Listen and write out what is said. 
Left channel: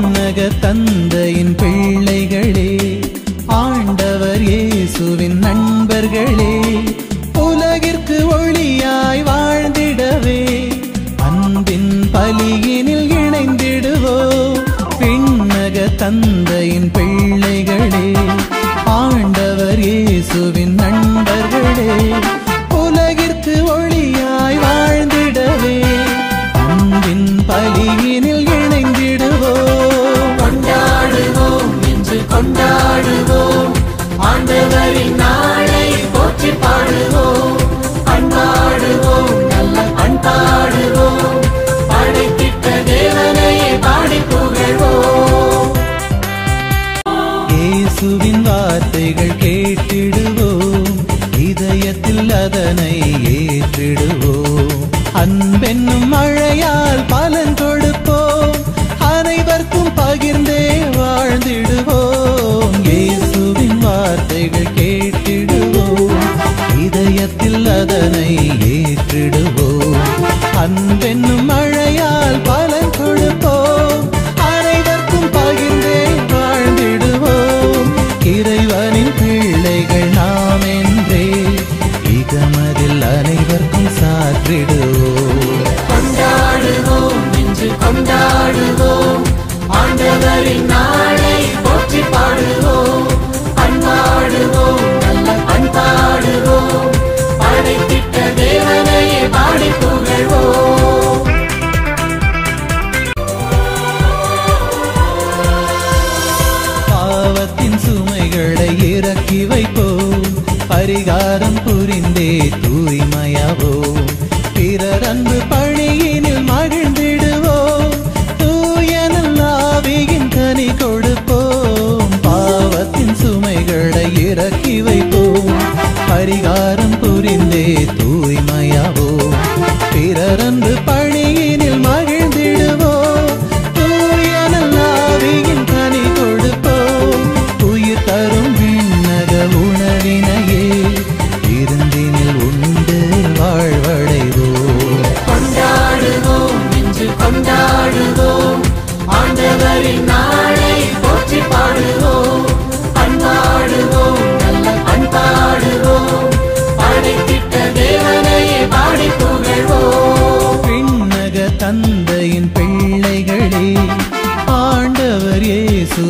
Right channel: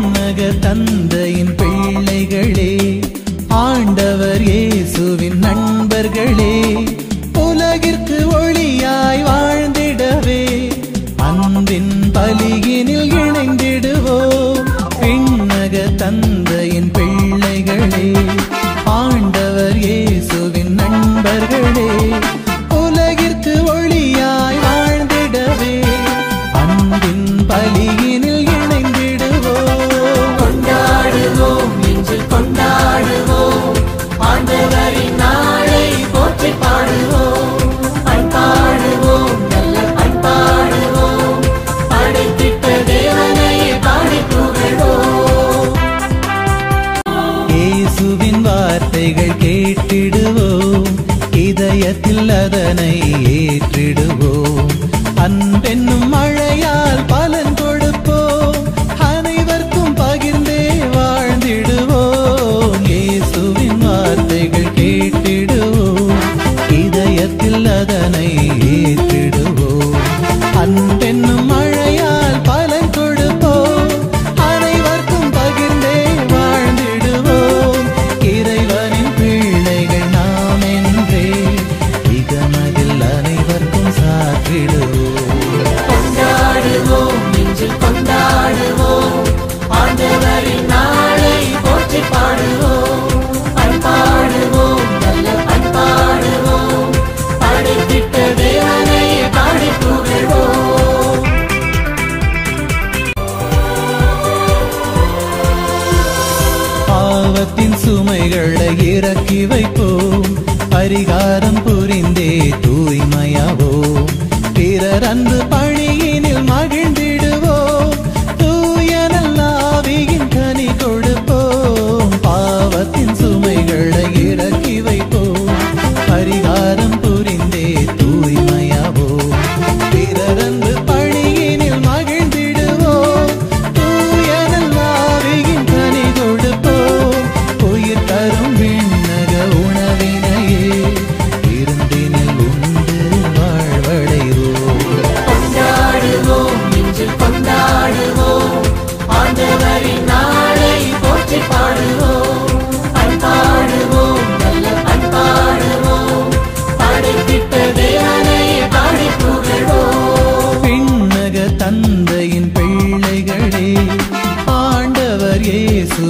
விண்ணக தந்தையின் பிள்ளைகளே, ஆண்டவர் இயேசுவின் நண்பர்களே, உலகிற்கு ஒளியாய் வாழ்ந்திடவே அன்பின் பலியினில் இணைந்திடுவோம். விண்ணக தந்தையின் பிள்ளைகளே, ஆண்டவர் இயேசுவின் நண்பர்களே, உலகிற்கு ஒளியாய் வாழ்ந்திடவே அன்பின் பலியினில் இணைந்திடுவோம். கொண்டாடுவோம் என்று கொண்டாடுவோம், ஆண்டவரின் நாளை போற்றி பாடுவோம். பண்பாடுவோம், நல்ல பண்பாடுவோம், படைத்திட்ட தேவனை பாடி புகழ்வோம். இயேசுவின் வார்த்தைகள் கேட்டிடுவோம், இதயத்தில் அதனை ஏற்றிடுவோம். அன்பென்னும் மழையால் பலன் கொடுப்போம், அனைவருக்கும் பகிர்ந்தே வாழ்ந்திடுவோம். இயேசுவின் வார்த்தைகள் கேட்டிடுவோம், இதயத்தில் அதனை ஏற்றிடுவோம். அன்பென்னும் மழையால் பலன் கொடுப்போம், அனைவருக்கும் பகிர்ந்தே வாழ்ந்திடுவோம். இறைவனின் பிள்ளைகள் நாம் என்றே இகமதில் அனைவருக்கும் சாற்றிடுவோம். கொண்டாடுவோம் என்று கொண்டாடுவோம், ஆண்டவரின் நாளை போற்றி பாடுவோம். பண்பாடுவோம், நல்ல பண்பாடுவோம், படைத்திட்ட தேவனை பாடி புகழ்வோம். பாவத்தின் சுமைகளை இறக்கி வைப்போம், பரிகாரம் புரிந்தே தூய்மையாவோம். பிறர் அன்பு பணியினில் மகிழ்ந்திடுவோம், தூயனல் ஆவியின் கனி கொடுப்போம். பாவத்தின் சுமைகளை இறக்கி வைப்போம், பரிகாரம் புரிந்தே தூய்மையாவோம். பிறர் அன்பு பணியினில் மகிழ்ந்திடுவோம், தூயனல் ஆவியின் கனி கொடுப்போம். உயிர் தரும் விண்ணக உணவினையே இருந்தினில் உண்டு வாழ்வடைவோம். கொண்டாடுவோம் என்று கொண்டாடுவோம், ஆண்டவரின் நாளை போற்றி பாடுவோம். பண்பாடுவோம், நல்ல பண்பாடுவோம், படைத்திட்ட தேவனை பாடி புகழ்வோம். விண்ணக தந்தையின் பிள்ளைகளே, ஆண்டவர் இயேசு